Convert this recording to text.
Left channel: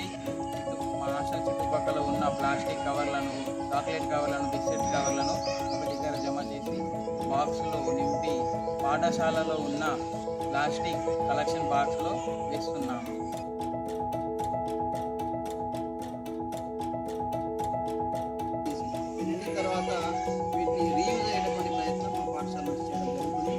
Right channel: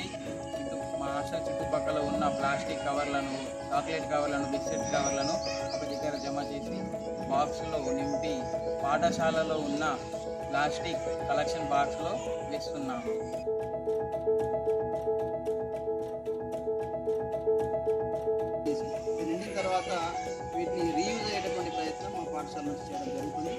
చేసి మా హాస్టల్ చుట్టుపక్కల ఉన్న ప్లాస్టిక్ కవర్లను, చాక్లెట్ కవర్లను, బిస్కెట్ కవర్లను ఒక దగ్గర జమ చేసి బాక్స్లో నింపి పాఠశాలలో ఉన్న ప్లాస్టిక్ కలెక్షన్ బాక్స్లో వేస్తున్నాము. నిండిన తర్వాత వీటిని రీయూజ్ అయ్యేటటువంటి ప్రయత్నం మా పాఠశాల నుంచి చేయడం జరుగుతుంది.